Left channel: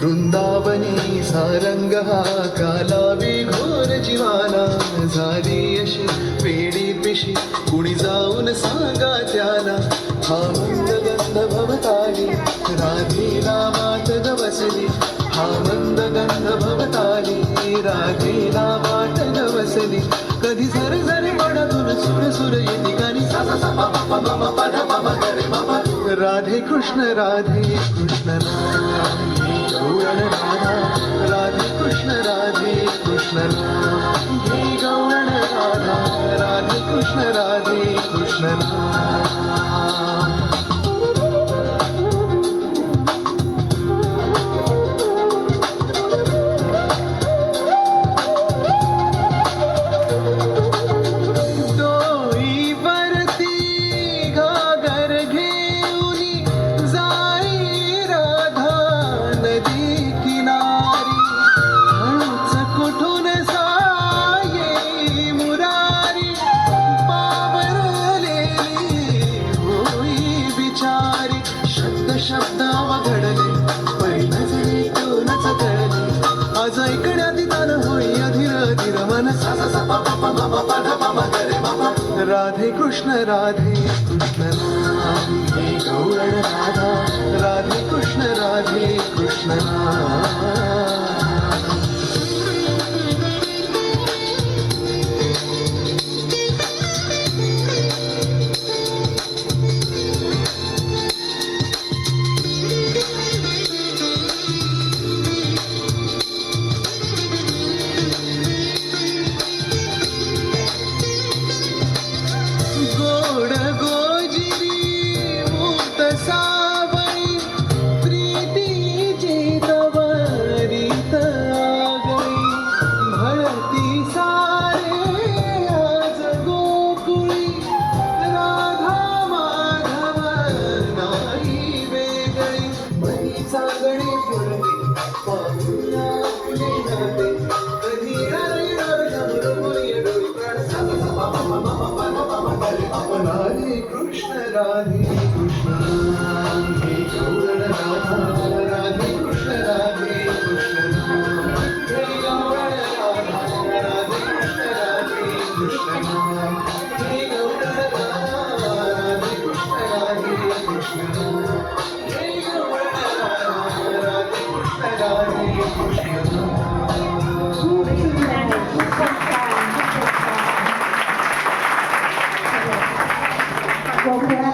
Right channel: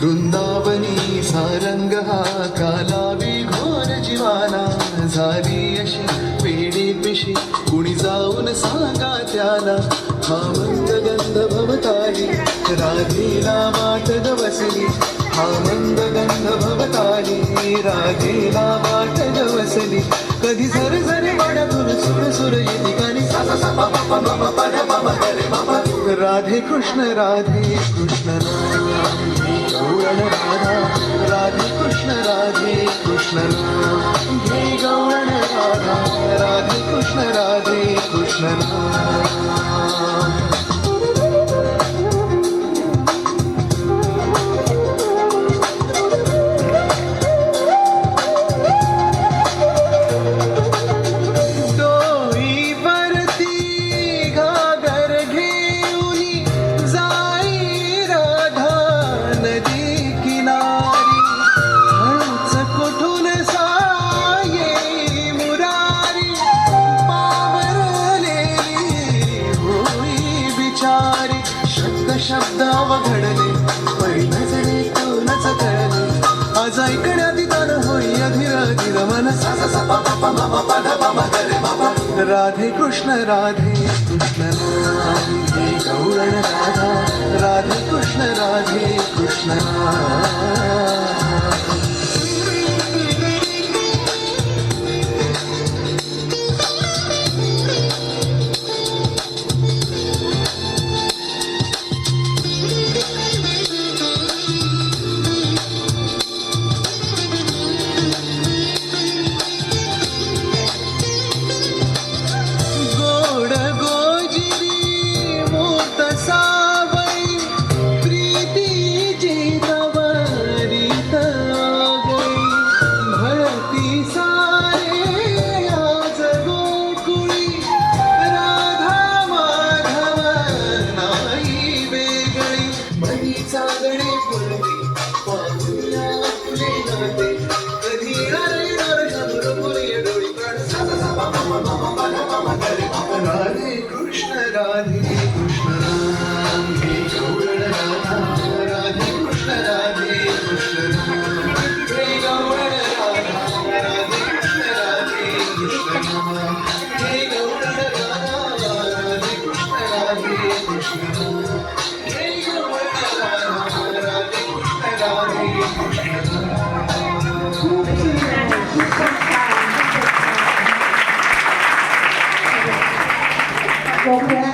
वृंदावनी सारंग हा कालावी घोर जीवाना झाली अशी पेढी पिशी कुणी जाऊन सांगा त्याला हा मंद गंध भवताली राधेला वाट गवसली हा मंद गंध भवताली राधेला वाट गवसली कधी झर झरी वडातून सुर सुर येती गाणी सा सा सा प प प म म प ध म म ग रे म प राधे कृष्ण राधे कृष्ण गौरण राधा राधे कृष्ण हे गौरण राधा राधे कृष्ण शब्द अवघडले पहिली तोनच कळले आज ऐकण्यात तान होई अधीर अधीर मन सा सा सा प प म म प ध म म ग रे म प राधे कृष्ण हे गौरण राधा राधे कृष्ण राधे कृष्ण हे गौरण राधा राधे कृष्ण हे गौरण राधा राधे कृष्ण हे गौरण राधा राधे कृष्ण हे गौरण राधा राधे कृष्ण खूप सुंदर खूपच छान खूपच छान